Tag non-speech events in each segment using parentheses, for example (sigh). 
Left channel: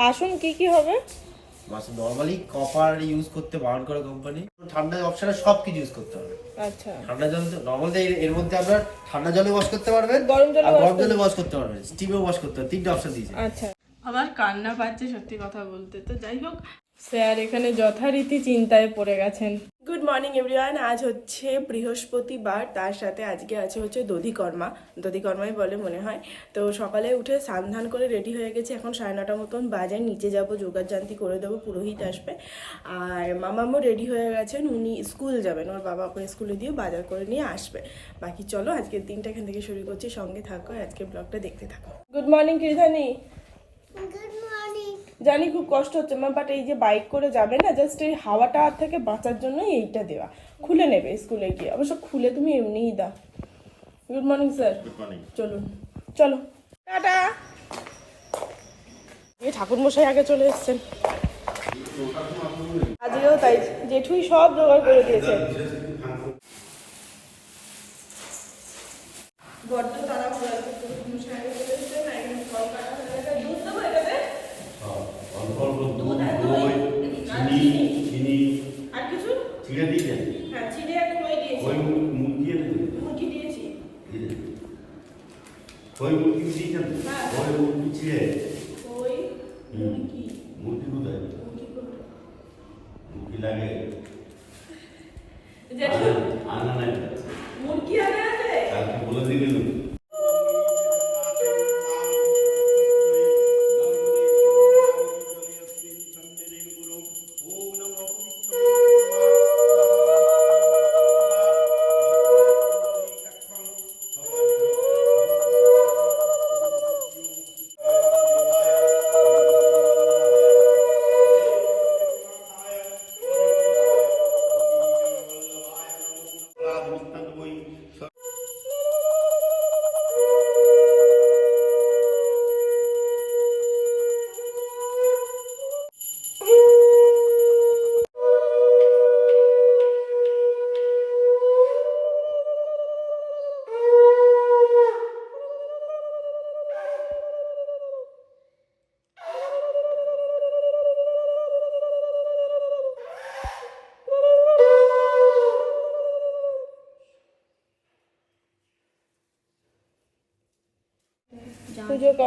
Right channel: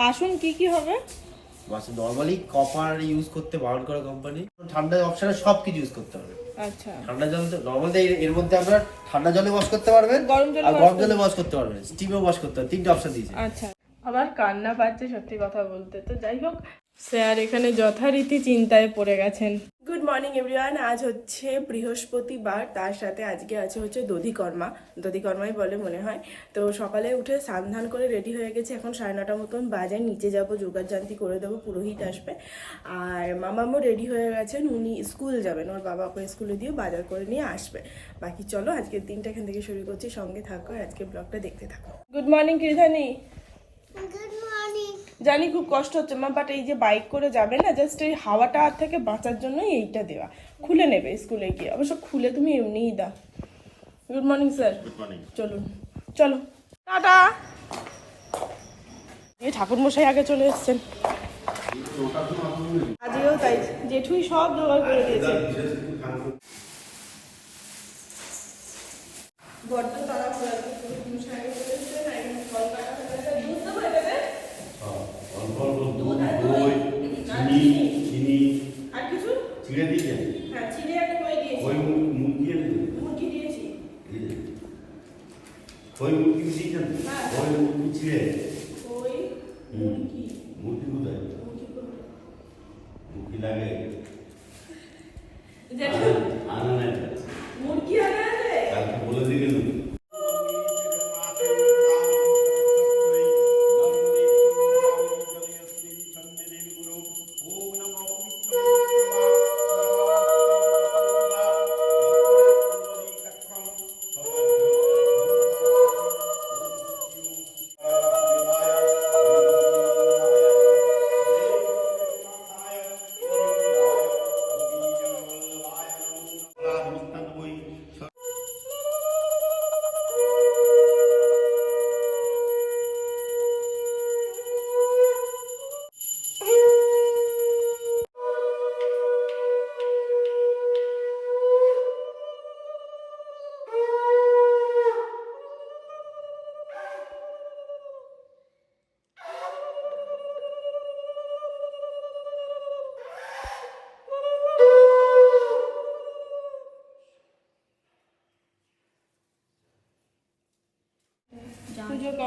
বাসন কি কি হবে? নরমালি কপার ইউজ করতে বারণ করা কোম্পানি ঠান্ডা অপশনে সব কিছু ইউজ করতে হবে। আচ্ছা। ঠান্ডা জল নর্মালি এর মধ্যে আপনার ঠান্ডা জলে ওয়াশ করতে পারবেন। গরম জলে গরম জলে ওয়াশ করতে পারবেন। স্টিমে ওয়াশ করতে হবে। তিনটা অপশন দিয়েছে আচ্ছা। আবার কান্না পাচ্ছে সত্যি কথা বলতে। তো যাই হোক স্যার এখানে যথারীতি চিন্তায় পড়ে গেছেন। মর্নিং এভরিওয়ান আজ হচ্ছে বৃহস্পতিবার, তার সাথে আজকে আছে হচ্ছে দধিকর্মা। দধিকর্মাই বলে মনে হয়। তো সকালে উঠে স্নান করে রেডি হয়ে গেছে। এখন সাড়ে নটা মতন বাজার নিচে যাব, যোগার জান্তি করে দেবো, পুরোহিত আসবে। আর মামামও রেডি হয়ে গেছেন। উনি স্কুল যাবেন। ওর বাবা ওকে স্কুলে দিয়ে বাজার করে নিয়ে আসবে। বাকি চলো, আজকের দিনটা এখান থেকে শুরু করছি। সঙ্গে থাকো আজকে ব্লগটা দেখতে থাকো। গুড মর্নিং মর্নিং জানি খুব কষ্ট হচ্ছে মা বাট এই যে বাইক করে যাবে না জাস্ট এই হাওয়াটা থেকে বাঁচার জন্যই এইটা দেওয়া। খুলে নেবে স্কুলে গিয়ে। অবশ্য খুলে তুমি এমনিই দাও। Good morning sir good morning চলুন। চলো। টাটা। এই ঠাকুর মশাই আগে চলে এসছেন। আজকেও তাই। জেঠুই সব জোগাড় করে দিয়েছে। বড্ড তারা ঘোরা মশাই আগে চলে এসেছেন একদম ফল কাটা হয়ে গেছে দুধ দেবো এটাতে দই চিনি চিনি আর কিছু ছিঁড়ে দিয়েছেন হ্যাঁ চিড়ে একটা হয়ে গিয়েছে ওই মুরগি মুরগি দিয়েছি ওই মুরগি হ্যাঁ। ওই মুরগি ছিঁড়ে ওই মুরগি মুরগি কোথায় মুরগি লাগে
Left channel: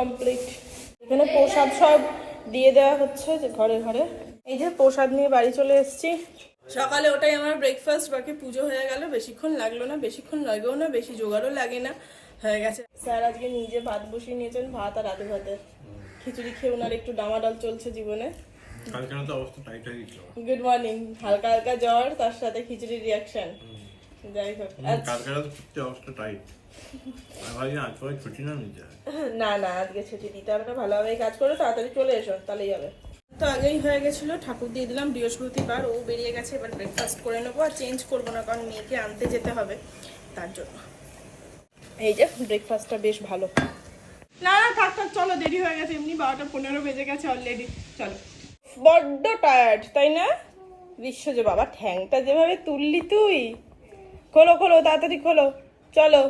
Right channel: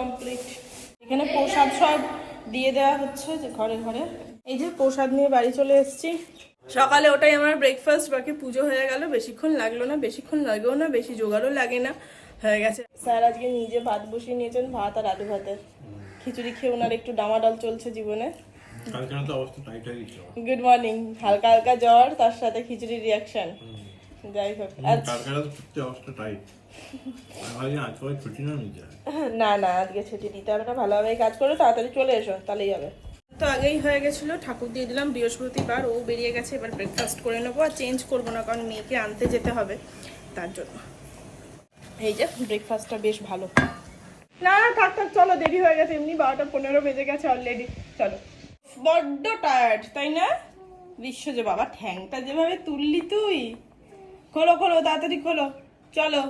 কমপ্লিট এখানে প্রসাদ সব দিয়ে দেওয়া হচ্ছে যে ঘরে ঘরে। এই যে প্রসাদ নিয়ে বাড়ি চলে এসেছি। সকালে ওটাই আমার ব্রেকফাস্ট বাকি পুজো হয়ে গেল। বেশিক্ষণ লাগল না বেশিক্ষণ লাগেও না বেশি জোগাড়ও লাগে না হয়ে গেছে। স্যার আজকে নিজে ভাত বসিয়ে নিয়েছেন ভাত আর আলু ভাতের খিচুড়ি খেয়ে ওনার একটু ডামাডল চলছে জীবনে। গুড মর্নিং হালকা হালকা জ্বর তার সাথে খিচুড়ির রিয়াকশন যাই হোক অবস্থা টাইট না না আজকে ছুটি দিতে হবে না ভালোভাবে কাজ করে তাড়াতাড়ি চলে এসো তাহলেই হবে। তো আগেই হয়ে গেছিল ঠাকুর দিয়ে দিলাম বৃহস্পতিবার ও বেরিয়ে গেছে এবার ব্রেকফাস্ট করে নেব আর চেঞ্জ করব না কারণ মেয়েকে আনতে যেতে হবে তার জন্য। এই যে ব্রেকফাস্টটা বেশ ভালো। না না থাক থাক চলো দেরি হয়ে গেছে এমনি বারোটা পনেরো বেজে গেছে অলরেডি চলো। বড্ড টায়ার্ড তাই না? বিশ্ব যে বাবা ঠ্যাংটা যেভাবে তুললি তুই। খোলো খোলো তাড়াতাড়ি খোলো চলো।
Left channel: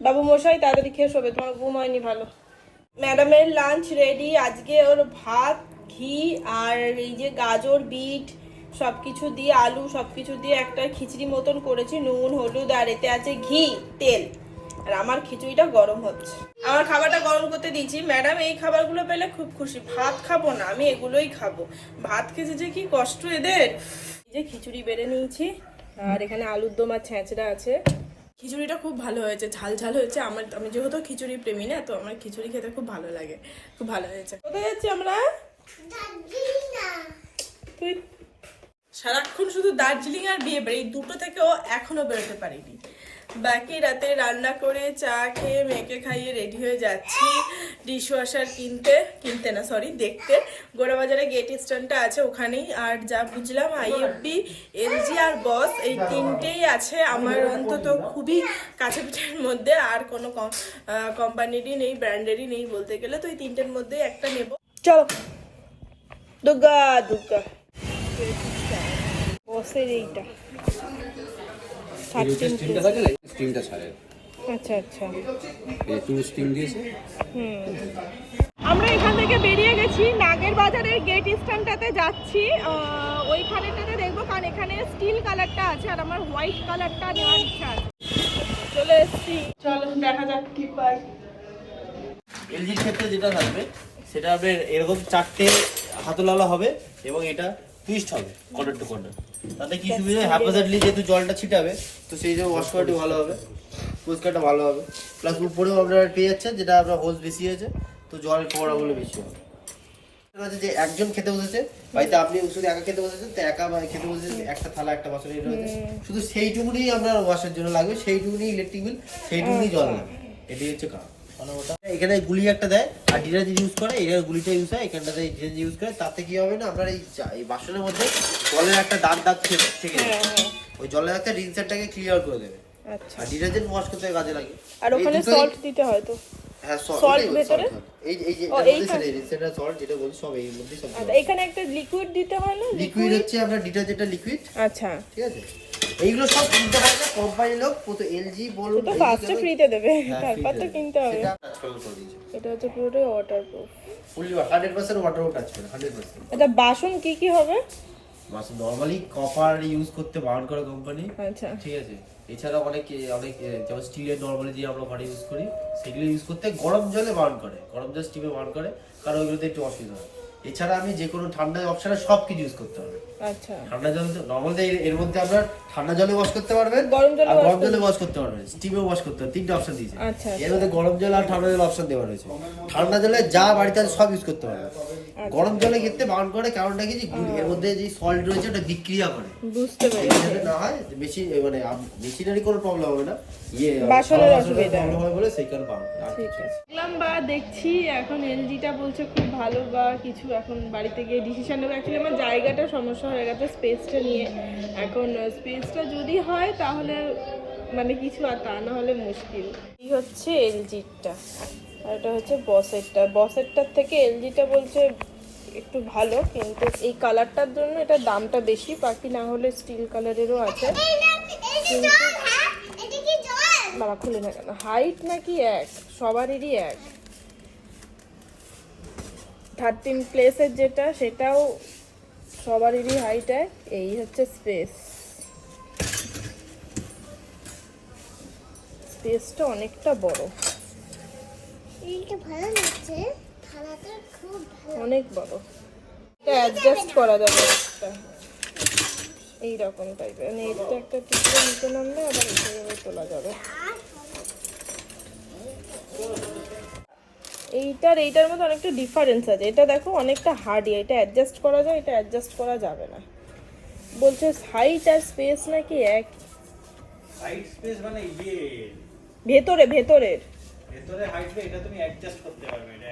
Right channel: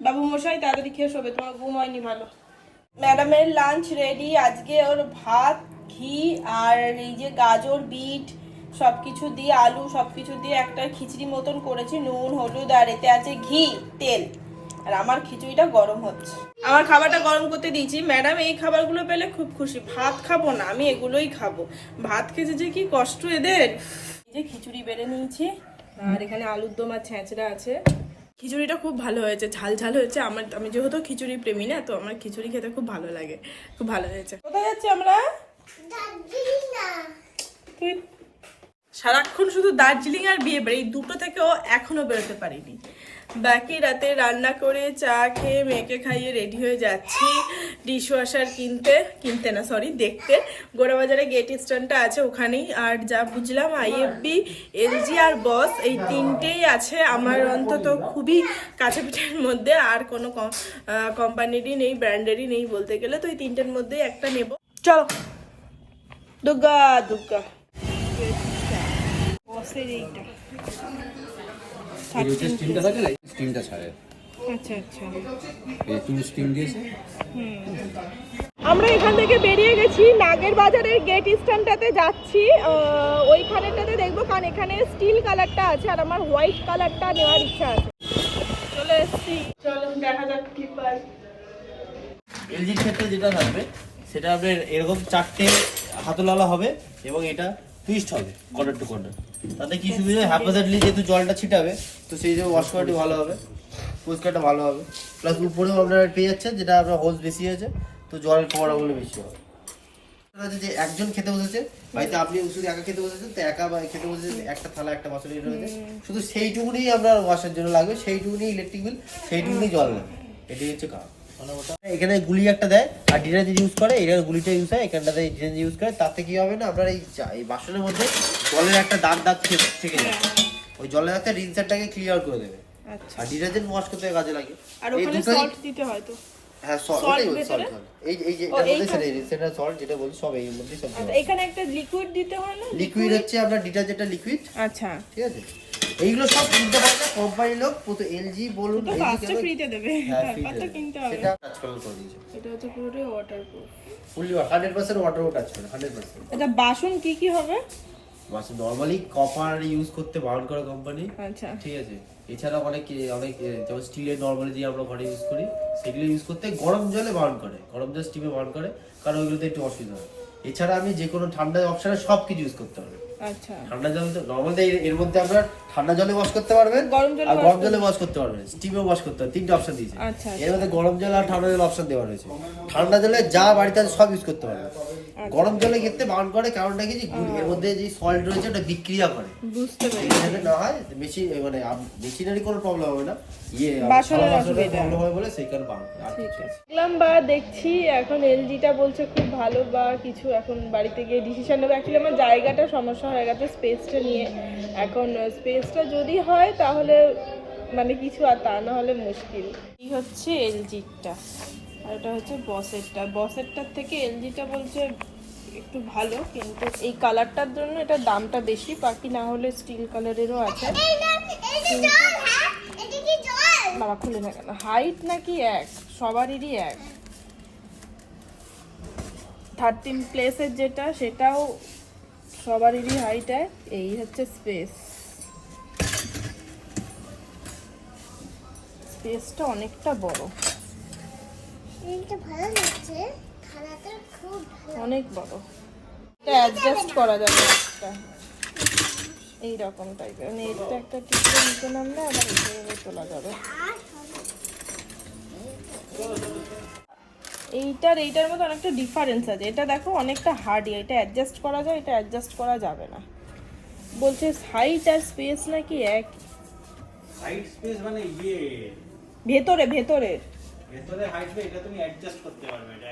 বাবু মশাই তাড়াতাড়ি খেয়ে শোবে, তোমার ঘুম হয়নি ভালো। ম্যাডামের লাঞ্চ রেডি আজকে ওর ভাত, ঘি আর এই যে গাজর, বিট সব কিছু দিয়ে আলু সব কিছু দিয়ে একটা খিচড়ি মতন করেছি, নুন, হলুদ আর এতে আছে ঘি, তেল। আর আমার খিচুড়িটা গরম হচ্ছে। আমার খাবারটা গরম করতে দিয়েছি। ম্যাডাম, এই খাবারগুলো পেলে খুব খুশি। ভাত খাব না, আমি এগুলোই খাব। ভাত খেতে যে কি কষ্ট এদের। যে খিচুড়ি বেড়ে নিয়েছি, আর এখানে আলুর দম আর ছেঁচড়া আছে। খিচুড়িটা খুব ভালো হয়েছে ঝাল ঝাল হয়েছে। আমার আমি যেহেতু খিচুড়ি প্রেমী না তো আমার খিচুড়ি খেতে খুব ভালো লাগে খুব ভালো হয়েছে। কোথায় যাচ্ছি আমরা? তুই সারাক্ষণ শুধু দার্জিলিং আর বিয়ে বাড়ি দুটো দুটো থেকেও এখনও বেরোতে পারিনি। বাকি রাতে রান্না করে চা খেয়ে মেয়েকে খাইয়ে রেডি হয়ে যাচ্ছি। ডিশ ওয়াশার কিনতে কিনতে না সরি দেখতে। গোড়াবাজারে গেট স্ট্যান্ডটা আছে ওখানেই। আর যা বুঝলাম আইএফবি এলজি আর বস এই তিনটেই আছে। আমার অন্তত খুবই কাছে পিঠের মধ্যে। আর কোনো কোম্পানিরই নেই ব্র্যান্ডেরই নেই বলতে গেলে। তো এই তিনটের মধ্যেই একটা নেব। চলো। দুর্গা দুর্গা। এইটা। ছাড়ে আচ্ছা আচ্ছা। একটু স্টিম দিয়েছে আমরা এখান থেকে বেরিয়ে গেছি নাগের বাজারের গেট স্ট্যান্ডটাতে যাচ্ছি। ওইখানেটাতে দেখব কারণ এখানে স্টিল কালারটা আছে আর আমার হোয়াইট কালারটা নেওয়ার ইচ্ছা আছে। চলে এসছি। চলো দেখা যাক কি পাই। ক্ষেত্রে যেটা থাকবে সেটা হবে এরকম চারটে হাতলওয়ালা হবে এবং এটা টুইস্ট হবে কর্নার টু কর্নার তাতে কি সুবিধা হ্যাপাসাইডলি যেহেতু জলটা ছিটাবে তো সেই জন্য ওয়াশ কোয়ালিটি ভালো হবে। পরিষ্কারটা ভালো হবে। প্লাস উপরেও আপনারা পেয়ে যেটা আপনার হোস বেশি আছে তো জলের পড়াগুলো বেশি হবে। যে একজন খেতে বসেছে বাড়িতে আপনি শুধু একা খেতে বসেছেন তো একা মানে খেতে বসেছেন একটা থালা একটা বাসন রয়েছে। শুধু সেইটুকুনি আপনার ওয়াশের জন্য লাগবে সেইটুকুনি ইলেকট্রিক বিল সেইটুকুনি জল লাগবে। এটাই হচ্ছে কাজ। মানে ওটা এখানে গুলি একটা দেয় আর ডিটারজেন্ট ইউজ করে এখানে গুলিটা ইউজ হয় এখানটাতে ডিটারজেন্ট ইউজ করে তাতে কি হবে না আপনার এই এই বাসনের মধ্যে জলের একটা দাগ দাগ ঠিক ঠিক আছে? ওই জলের একটা ডিটারজেন্টটাকে ক্লিয়ার করে দেবে। আচ্ছা। আর ডিটারজেন্ট ওয়াশ করতে কাজে লাগে। আর ওখানে সল্ট দিতে হয় তো? হ্যাঁ salt ভেতরে? এই এই যে মধ্যে সেটা- সেটা যেটা সব এর সব আচ্ছা এখানে একটা লিকুইড দিতে হয় না? লিকুইড হচ্ছে আপনার ডিটারজেন্টের লিকুইড আচ্ছা। ঠিক আছে? এইগুলো সব কোম্পানির লোক এলজি বলুন তো ফার্স্টে ফ্রিতে দেবে। হ্যাঁ, তারপর তো কিনতে হবে। এটা হচ্ছে বুঝলি 100% ওয়াটারও কাজ করে 100% আচ্ছা বাসন কি কি হবে? বাস নরমালি কপার ইউজ করতে বারণ করে কোম্পানি আচ্ছা। ঠিক আছে? এছাড়া অনেক অনেক যেমন স্টিলের নরমালি যে আমরা ঘরে ইউজ করি সেগুলো ইউজ করতে গরম জলে বারণ করে। গরম জল স্টিমে বারণ করে কারণ ওইগুলোতে একটু অসুবিধা হয়। এছাড়া আমি যে কোনো ঠান্ডা অপশনে সব কিছু ইউজ করতে হবে আচ্ছা। ঠান্ডা জল নর্মালি এর মধ্যে আপনার ঠান্ডা জলে ওয়াশ করতে পারবেন গরম জলে গরম জলে ওয়াশ করতে পারবেন। স্টিমে ওয়াশ করতে পারবেন তিনটা অপশন দিয়েছে। আচ্ছা, এর মধ্যে গরম জল আর ঠান্ডা জল অপশন দেওয়া রয়েছে। ঠান্ডা জলে যা বাড়িতে আছে সব ইউজ করতে পারবেন। গরম জলে ক্ষেত্রে বারণ করে কারণটা কি? এর মধ্যে যে সল্ট রয়েছে ওটা বিক্রিয়া করে। বুঝতে বেশি মানে মেশিনারি কোনো প্রবলেম হবে না। ইয়ে বাসনের বাসনের অসুবিধা। problem বলে সেই কারণে পারবে ঠিক আছে। দেখলাম বা দেখছি এখন এলজিটা বলছে খুব ভালো বা কিছু এখন বাড়িতে গিয়ে ডিসিশন নেবে। অ্যাকচুয়ালি আমার জায়গাটা সমস্যা হয়ে গেছে স্পেসটা নিয়ে এখন স্পেসটা যদি হয় তাহলে মানে কিছু আর তা না হলে মুশকিল। এই হচ্ছে এলজিটা আর এটা হচ্ছে বসেরটা। বসেরটার থেকে এলজিটা বলছে একটু ভালো কিন্তু এই কালারটার জন্য এটার দামটা বেশি বাকি না হলে স্টিল কালারেরও আছে। এটা বাবা খুলে না কেন? হাইট নাকি এক? সবারই এক। থার্টিন প্লেসের যেটা সেটাও সবারই হাইট এক এই হচ্ছে স্পেস স্পেসটা অনেকটা বড়। এইটা ভালো লাগছে। অনেক বড়। এটা অ্যাডজাস্ট করা যাবে একটা। এই রকম টাইপের মানে এটা একটা টিপে নিতে নামলে আবার এইভাবে তোলা যাবে। এইটার এইটার মধ্যে অনেকটা ডিফারেন্স আছে। এটা দেখো অনেকটা হার্ডি এটা অ্যাডজাস্ট করা যায় এটা অ্যাডজাস্ট করা যাবে না। বলছে হাইট আর স্পেস নাকি এক। হাইট স্পেস মানে ইয়ে। ভেতরে ভেতরের ভেতরে হাইট এটা তুমি অ্যাডজাস্ট করতে পারবে এটা।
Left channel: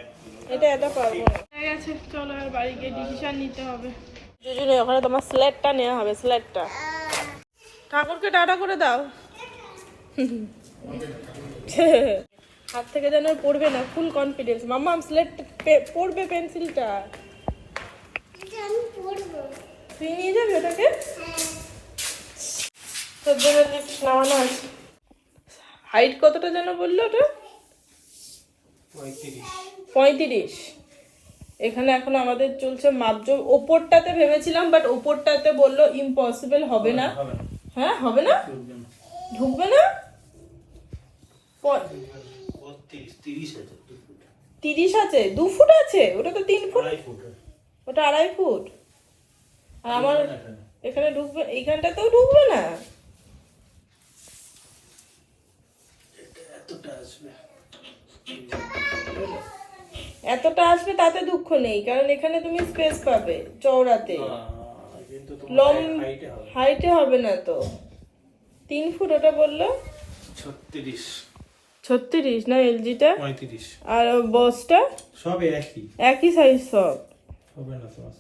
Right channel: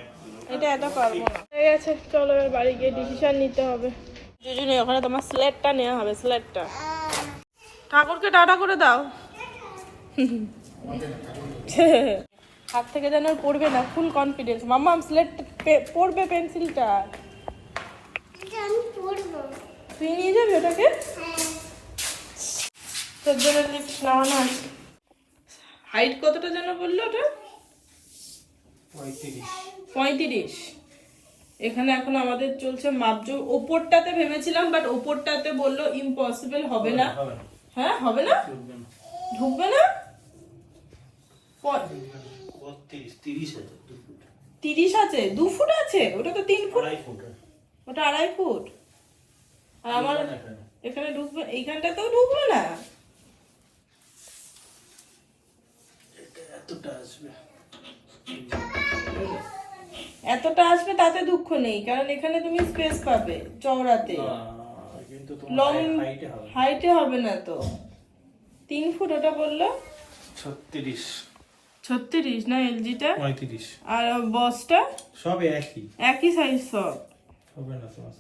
এটা পারব না। ঠিক আছে চলো এবার বাড়ি গিয়ে ডিসিশন নিতে হবে। দুজনে ওখানে তোমার স্ল্যাটটা নেওয়া হবে স্ল্যাটটা ঠাকুরকে টাটা করে দাও। (laughs) হাত থেকে যেন আর পড়বে না ফুল কনফিডেন্স মাম্মা স্লেট পড়বে পেন্সিলটা। এটা আমি পড়ব। তুই নিয়ে যাবি ওটাকে? তোর জন্য নামানো আছে। হাইট কতটা যেন বলল ওটা? পঁয়ত্রিশ। এখানে এখন আমাদের চলছে মাপজোক ওপরটাতে ভেবেছিলাম বাট ওপরটাতে বলল ইম্পসিবল হবে না। হ্যাঁ হবে না? ঢুকবে না? তিরিশ আছে, দু ফুট। আছে? ওটা তো তিন ফুট। ওটা আড়াই ফুট? আর আমার এখানে। ঢুকবে এইখানটাতেও ঢুকবে না? এতটা আসবে। তাতে দুঃখ নেই কারণ এখানে তুমি স্পেস পাবে চওড়াতে। লং। হাইটে হবে না তো। তিন ফুট ওটা বলল? ছত্রিশ। ছত্রিশ না এলজিটা? আর বসটা? সব একই। একই সাইজ সব।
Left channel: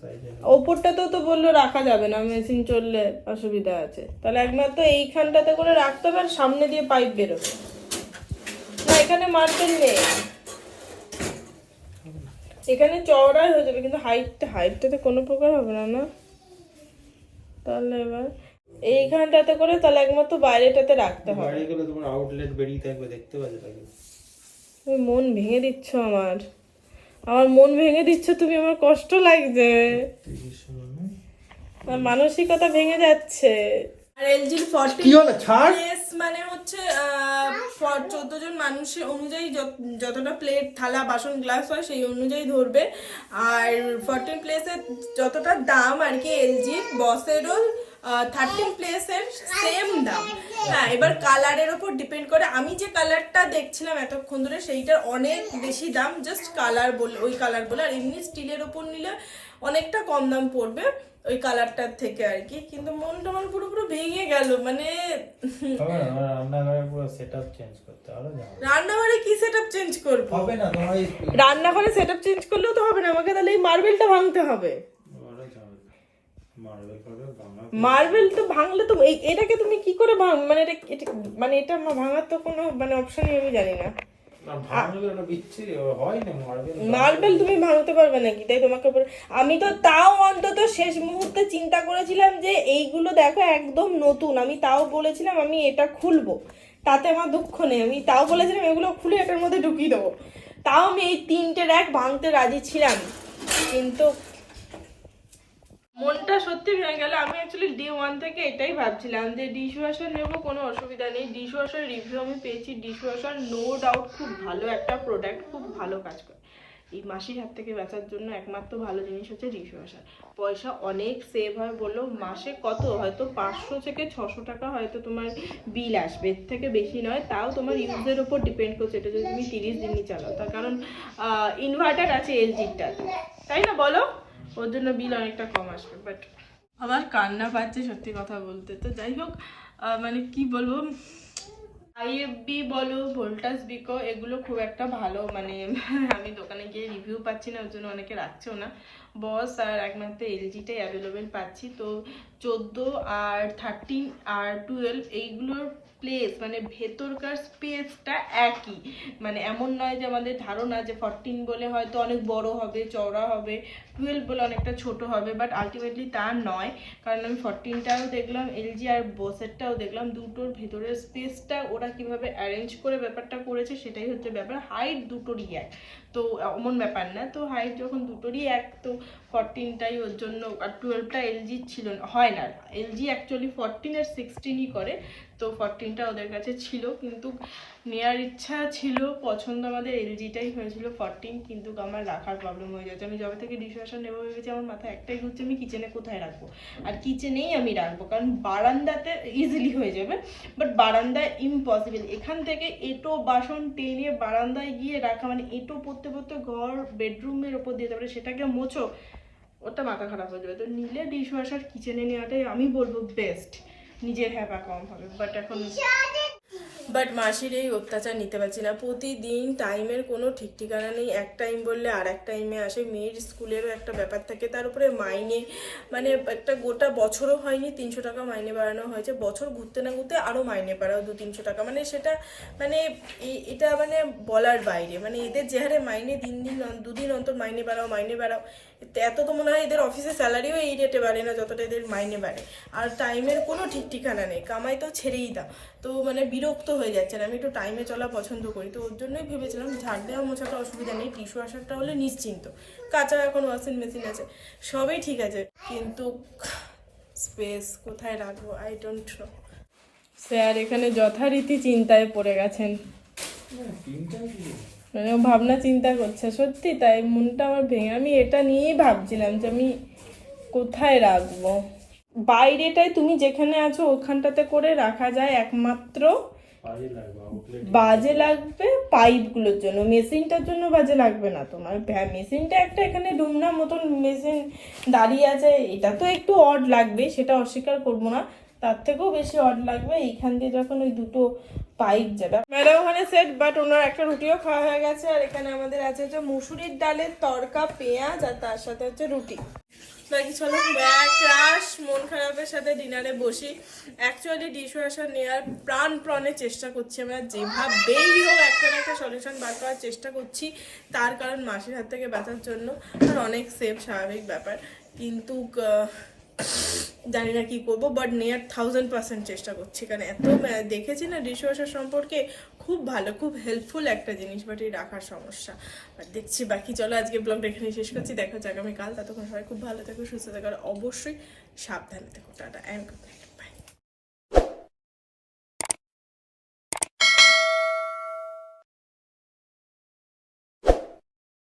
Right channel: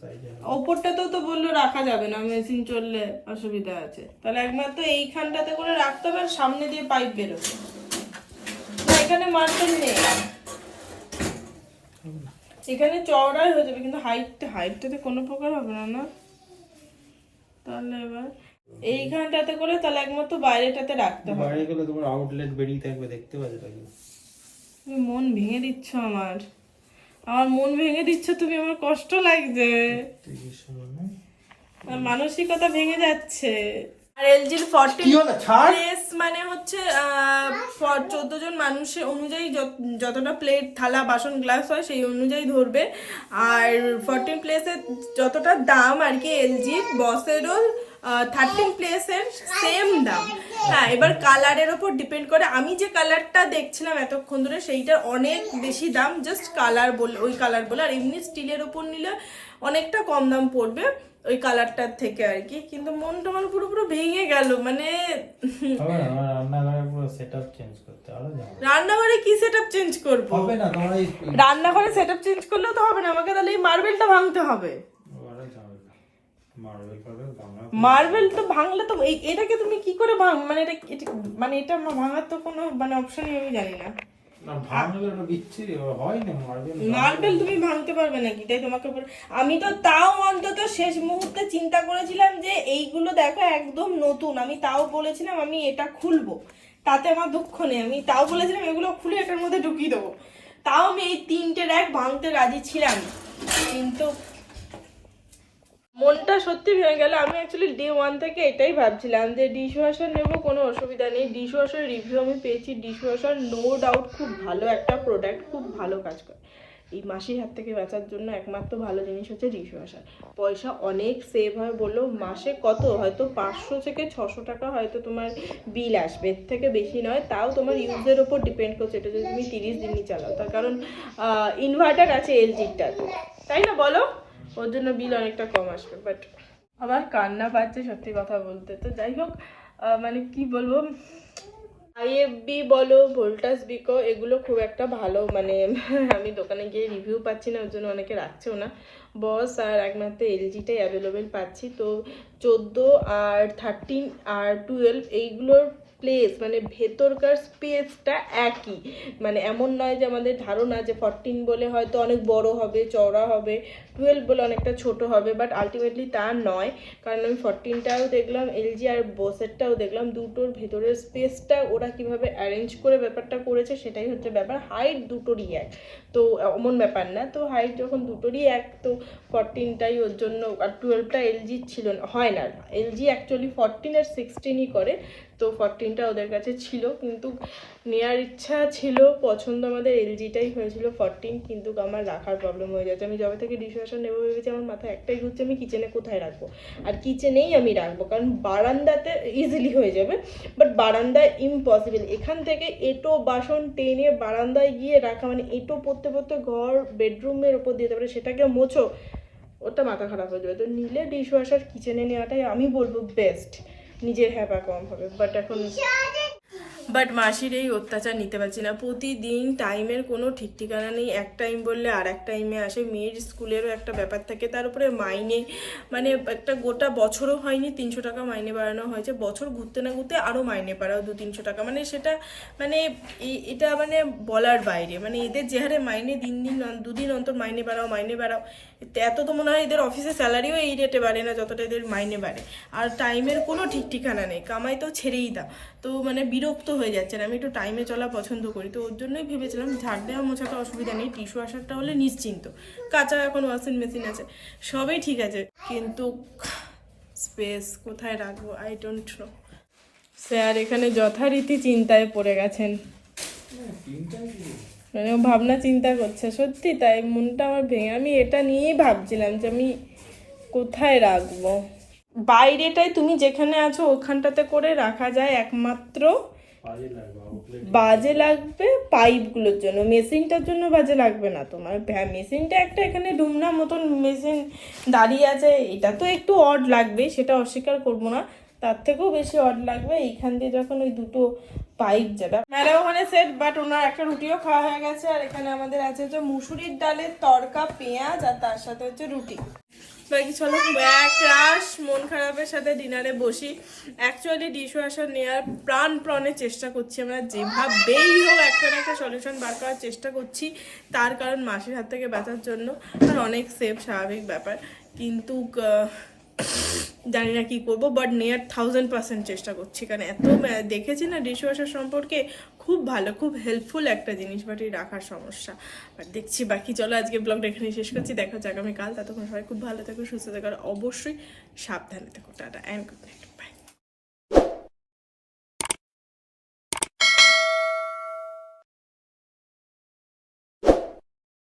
সাইজে ওপরটাতেও তো বলল রাখা যাবে না মেশিন চললে অসুবিধা আছে। তাহলে একমাত্র এইখানটাতে করে রাখতে হবে আর সামনে দিয়ে পাইপ বেরোবে। না এখানে মার্বেল নেই। এখানে চওড়াই হয়ে যাবে কিন্তু হাইটটা হাইটটাতে কোনো প্রকার হবে না না? তাহলে এবার এইখানটাতে করে তাহলে একমাত্র বাইরেটাতে রাখতে হবে। বাইরে গেলে তোমার আউটলেট বেরিয়ে থাকবে দেখতে পাবে তাই তুমি মন ভেঙে দিচ্ছ আমার। আমার মন ভেঙে দিচ্ছ তুমি আমার কষ্ট লাগছে। আমার মানসিকতা ভেঙে যাচ্ছে। আর এলজির ফর্টি কি প্লেস মানে হচ্ছে চোদ্দ জন মানুষের অনুযায়ী যত- যতটা প্লেট থালা বাসন গ্লাস হয় সেই অনুযায়ী ধরবে। আর ফোরটিন প্লেসের যতটা দাম আর কি এলজির বসেরও থার্টিন প্লেসের সেম দাম। হ্যাঁ এবার কালারের ওপর ডিপেন্ড করে। আমি যে কালারটা দেখছিলাম এতক্ষণ ধরে সেইটার অনেক বেশি দাম জাস্ট কালার বলে ওই কালার বলে। আর এমনি স্টিলের ওপর নিলে অনেকটা কম দাম পড়বে ওই কালারটার থেকে আর কি। কিন্তু মনটা আমার পুরো পুরো ভেঙে গেল মানে রান্নাঘরে কি সেট আপ চেঞ্জ করব? হবে না তোমার রান্নাঘরে সেটআপ চেঞ্জ করলেও তো হবে না আমাকে তাহলে এই মার্বেলটা ভাঙতে হবে। মার্বেল মার্বেল তো ভাঙলে তো এটাকে তুমি কি করে ভাঙ মানে এটা এটা- মানে এটা আমার ভাঙার তো কোনো মানে অপশনই আমি জানি না। মার্বেল তুমি ভাঙতে পারবে নাকি? তাই তোমাকে আমি তো তাও অন্তত শেষ মুহূর্তে চিন্তা করেছিলাম যে এইগুলো দেখো একদম নতুন। আমি তাও বলেছিলাম আমি এটা খুলবো। তাতে আমার দুঃখ নেই। আমি তাও বলেছিলাম এগুলো খুলে এটার মধ্যে ঢুকিয়ে দেবো। তাও আমি এই তিনটে র্যাক ভাঙতে রাজি ছিলাম। কিন্তু মনটা সত্যি ভেঙে গেল। আমি অ্যাকচুয়ালি ডে ওয়ান থেকে এটাই ভাবছিলাম যে ডিশ ওয়াশার নেব কোনো অসুবিধা নেই। ডিশ ওয়াশার রিভিউ আমি পেয়েছি। ডিশ ওয়াশার নো ডাউট খুব ভালো একটা প্রোডাক্ট খুব ভালো কাজ করে। এই মাসির হাত থেকে বাঁচার জন্য একমাত্র ভালো জিনিস হচ্ছে ডিশ ওয়াশার পয়সা অনেক সেভ হয় বলল মাসে কত? হয়তো পাঁচশো থেকে ছশো টাকা হয়তো তোমার বিল আসবে। এর থেকে বেশি নয়, তাও তোমার ইউজের ওপর ডিপেন্ড করছে। এটা যদি তুমি তিরিশ দিনই চালাও, তার কারণ ইনভার্টার আছে এলজিটা তাই না বলো? ওর জন্য বিল অনেকটা কম আসবে বাট আমার কান্না পাচ্ছে সত্যি কথা বলতে। তো যাই হোক মানে কি বলব? আইএফবি বলো, ভোল্টাস বিকো এগুলো খুব একটা ভালো মানে আমি দোকানে গিয়ে রিভিউ পাচ্ছি না, ওর জন্য অনেকে রাখছেও না। বস আর একমাত্র এলজিটাই অ্যাভেলেবেল পাচ্ছি, তো চোদ্দ আর থার্টিন আর টুয়েলভ এইগুলোর প্লেস মানে ভেতরকার স্পেসটা একই। মানে এমন নয় যে আমাদের ধারণা যে ফরটিন বলে হয়তো অনেক বড় হবে, চওড়া হবে টুয়েলভ বলে অনেকটা ছোট হবে বাট আলটিমেটলি তা নয়। কারণ আমি ফরটিনটাও দেখলাম এলজি আর বোসেরটাও দেখলাম, দুটোর ভেতরের স্পেসটা ওরা কীভাবে অ্যারেঞ্জ করে ব্যাপারটা করেছে সেটাই হচ্ছে ব্যাপার। হাইট দুটোরই এক। তো এমন ব্যাপার না। তো হাইট যখন দুটোরই এক, তো ফরটিনটাই ওর জন্য, আর টুয়েলভটা এলজি ছিল হয় না। এলজি অ্যাকচুয়ালি ফরটিন আর সিক্সটিনই করে। তো ফরটিনটা ওদের কাছে ছিল, কিন্তু নেওয়ার ইচ্ছা ছিল, পছন্দ আমাদের এলজিটাই হয়েছিল ফরটিন কিন্তু আমার রাখার প্রবলেম হয়ে যাচ্ছে। আমি যবে থেকে ডিশওয়াশার নেব ভেবেছি, আমার মাথায় একটাই ঘুরছে, আমি কিচেনে কোথায় রাখব? আর কিচেনেই আমি রাখব, কারণ বারান্দাতে ইজিলি হয়ে যাবে বাট বারান্দায় ইম্পসিবল এখান থেকে এটো বাসন টেনে বারান্দায় গিয়ে রাখা মানে এটো পড়তে পড়তে ঘর বেডরুমের ওপর দিয়ে তারপরে সেটাকে মোছো, ওটা মাথা খারাপ হয়ে যাবে। তো নিলে ডিশওয়াশার কিচেনে নেওয়াটাই আমি বলব বেস্ট নিজের হ্যাপা কম হবে বাট এখন বাট মাসির এই অত্যাচার নিতে পারছি না। প্রতিদিন টাইমের কোনো ঠিক ঠিকানা নেই। এক টাইম বললে আর এক টাইমে আসে। মেয়ের স্কুলেরও একটা ব্যাপার থাকে। তার উপরে মাইনে মানে একটা গোটা বছরও হয়নি, তিনশো টাকা মাইনে বাড়ানো হয়েছে। বছর ঘুরতে না ঘুরতে আরও মাইনে বাড়াও, দু তিনশো টাকা। মানে সেটা মানে এটা মানে বলার বাইরে। মানে এদের যে হারে মাইনে দিন দিন দুদিন অন্তর মাইনে বাড়াও মাইনে বাড়াও। এত তো মনে হয় এদের অফিসের স্যালারিও এই রেটে বাড়ে না, যতটা এদের মাইনে বাড়ে। আর টাইমের কোনো ঠিক ঠিকানা নেই, কামাই তো ছেড়েই দাও। তো মানে বিরক্ত হয়ে যাচ্ছেন আমি একটু টাইমে চলা পছন্দ করি। তো ওর জন্যই ভেবেছিলাম, ঝাড় দেওয়া মোছাটা অসুবিধা নেই টিস্যু আসারটা হলে নিশ্চিন্ত। কাঁচা এখন ওয়াশিং মেশিন আছে, সবই ঠিক আছে। কিন্তু স্পেস কোথায় রাখব? আই ডোন্ট নো স্যার, এখানে যথারীতি চিন্তায় পড়ে গেছেন। মানে ভাবনা চিন্তা করছে সত্যি তাই মনটা আমার ভেঙে আমি এটা নিয়েই ভাবছিলাম যে আমি কোথায় রাখব। বাইরেটাই তুমি যেখানে আছো ওখানটাতে করে রাখা যায় একমাত্র বাজে লাগবে পাইপগুলোর জন্য। মেশিনটার জন্য বাজে লাগবে না তোমার। হ্যাঁ মেশিনটা একটা এখানে ডুমনা মতন মেশিন দাঁড়িয়ে আছে এটা তো একটু অড লাগবে সেটা অস্বীকার করব না। তার থেকেও বেশি অড লাগবে। এইখান দিয়ে যখন ওই দুটো পাইপ যাবে। ম্যাডাম ওখানে সেট বাট ওনার একটা রুটিও খাওয়া হয়ে গেছে। আর এখানে আমাদের আছে হচ্ছে মুসুরির ডালের তড়কা, পেঁয়াজ, আর তার সাথে হচ্ছে রুটি। বাকি এক রাস মন খারাপের সাথে ডিনারে বসি। অ্যাকচুয়ালি ডিশ ওয়াশার নেওয়ার প্রাণ প্রাণে চেষ্টা করছি আমরা। যেভাবেই হোক, একটা না একটা সলিউশন বার করার চেষ্টা করছি। তার কারণ মাসির হাত থেকে বাঁচার জন্য। আর অনেক সেফ স্বাভাবিক ব্যাপার। কিন্তু জানি না কি করব বাট নিয়ার থাউজেন্ড পার্সেন্ট চেষ্টা করছি। কারণ এত দেখেছি না ডিশওয়াশার সম্পর্কে খুব ভালো, খুব হেল্পফুল একটা জিনিস বাট এই রাখার সমস্যা। আর দেখছি বাকি, চলো আজকে ব্লগটা এখানে শেষ করছি, দেখা যাক আগামীকাল। ততক্ষণ সবাই খুব ভালো থাকো, সুস্থ থাকো, আর অবশ্যই সাবধানে থাকো। Tata and